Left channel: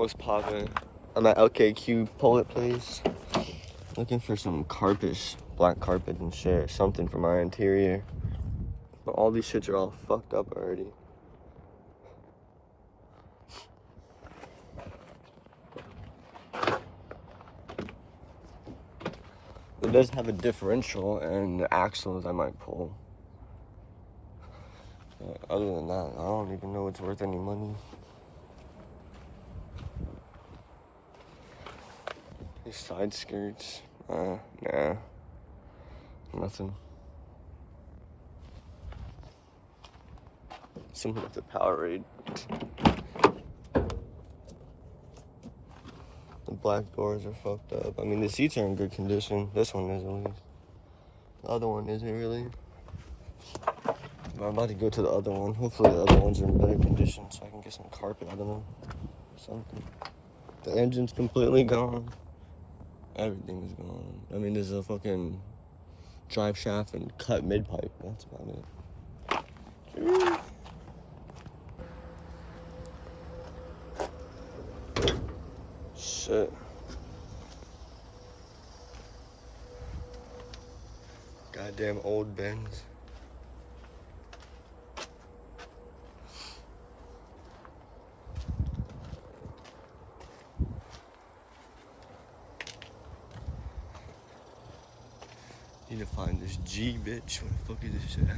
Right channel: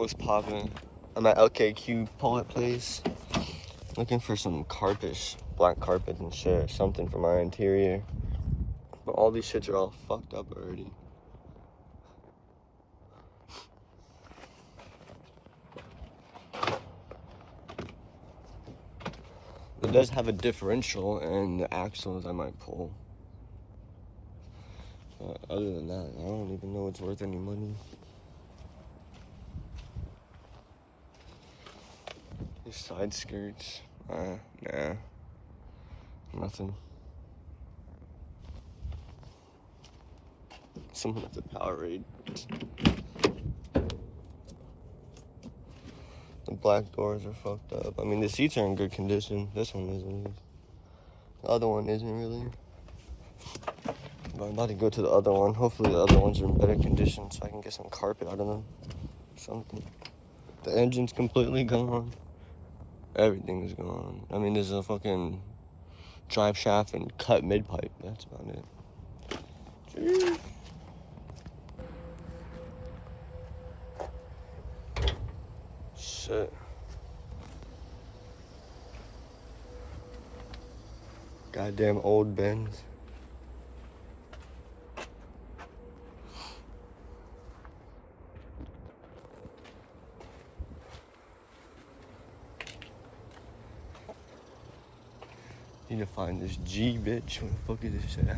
What's poppin'? I'm at LKQ Pullet Place. Looking for some carpets, black carpets and shit, or something from our interior. But all these shits are all fucked up already. It does have a differential and the axles I might pull. But other than that, I don't even know it's worth any money. These side skirts, nah, nothing. Someone with a Powerade. The black doors are fucked up. I mean, the seats are in good condition. This one is at least. The other one isn't really. But I'm about to go to the other one. Hopefully the other ones are in better condition so I can get some carpet out of them. Something. The engine's completely gone. Everything is gone. I mean, there's a fucking drive shaft and cut mid-pipe. That's about it. Jeez. Shit. Goddamn old Benz. Need to find this G, bitch. Where the fuck is this shit at?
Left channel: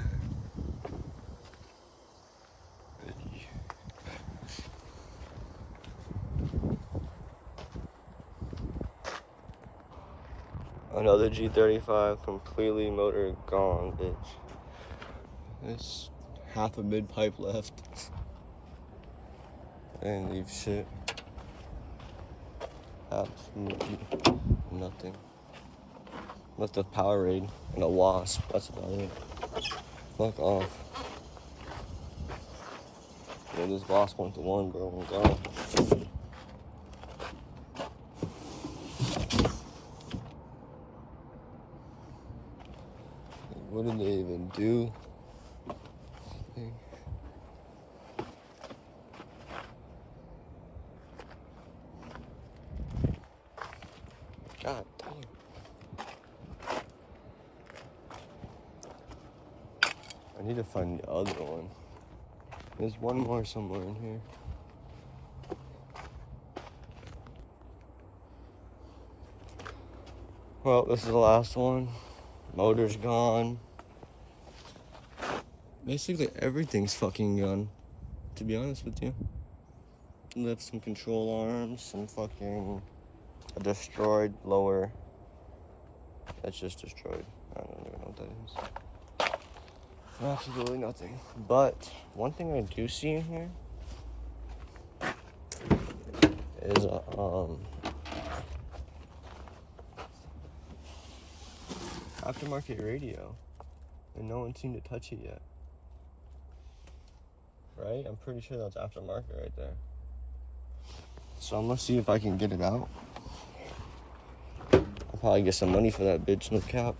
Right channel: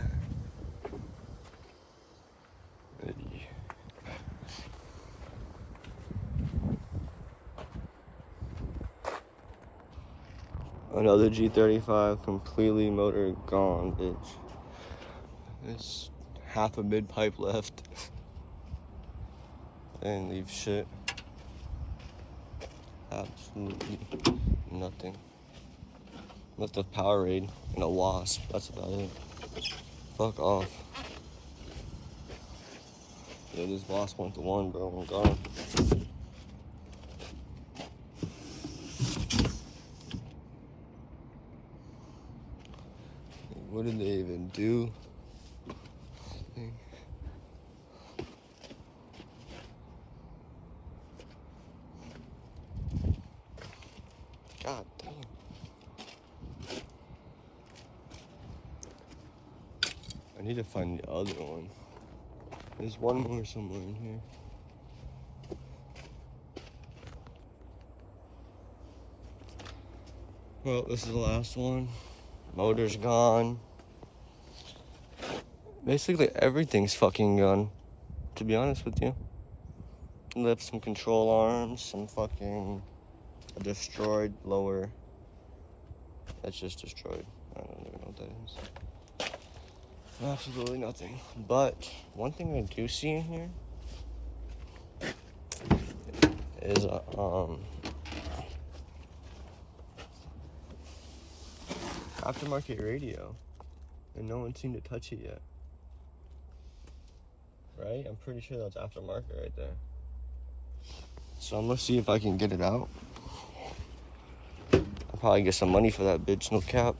Another G35, completely motor gone, bitch. There's half a mid-pipe left. I didn't leave shit. Absolutely nothing. Left a Powerade and a Wasp. That's about it. Fuck off. Yeah, this Wasp went to one, bro. I'm gone. What did they even do? God damn. I need to find the other one. There's one more somewhere in here. Well, this is the last one. Motor's gone. Basically everything's fucking gone, to be honest with you. Left some control arms, some fucking a destroyed lower. That's just destroyed. I don't even know what that is. Absolutely nothing. But one thing I do see in here is aftermarket radio, and no one seemed to touch it yet. Right? I'm pretty sure that's aftermarket right there. So I'm gonna see if I can get it out. I'll probably get some money for that bitch, no cap.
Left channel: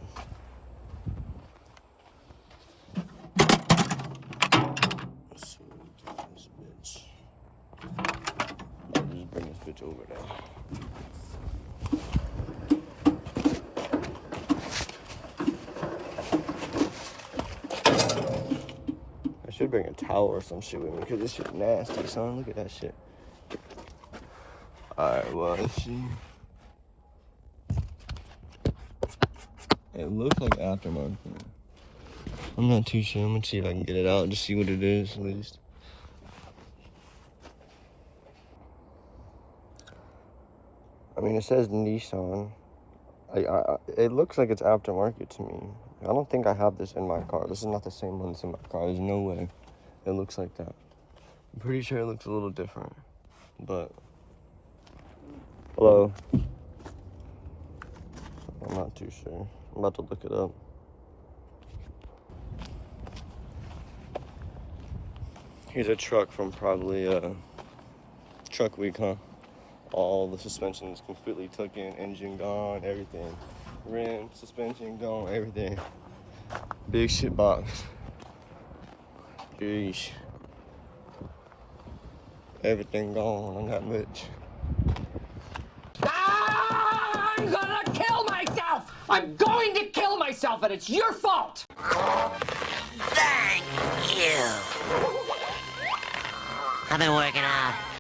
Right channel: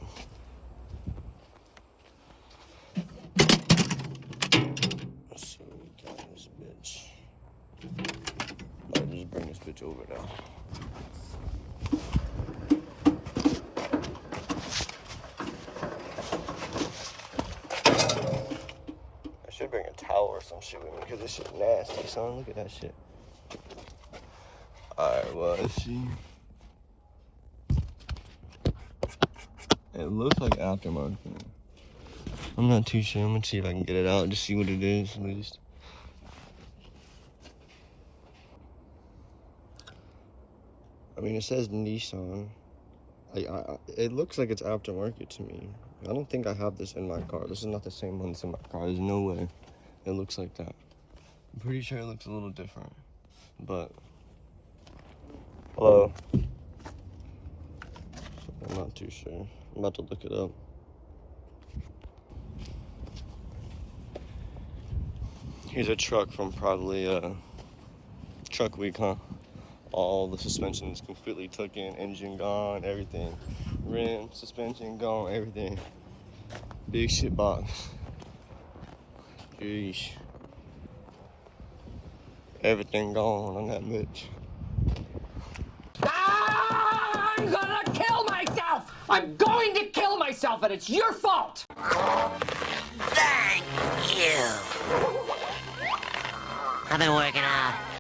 Let's see what we got in this bitch. I'll just bring this bitch over there. I should bring a towel or some shit with me because this shit nasty, son. Look at that shit. Alright, well, let's see. It looks like aftermarket. I'm not too sure. I'm gonna see if I can get it out and just see what it is at least. I mean, it says Nissan. It looks like it's aftermarket to me. I don't think I have this in my car. This is not the same one that's in my car. There's no way it looks like that. I'm pretty sure it looks a little different, but hello. I'm not too sure. I'm about to look it up. Here's a truck from probably Truck Week, huh? All the suspension is completely taken, engine gone, everything. Rim, suspension gone, everything. Big shit box. Jeez. Everything gone on that bitch. I'm going to kill myself, and it's your fault! Thank you. I've been working out.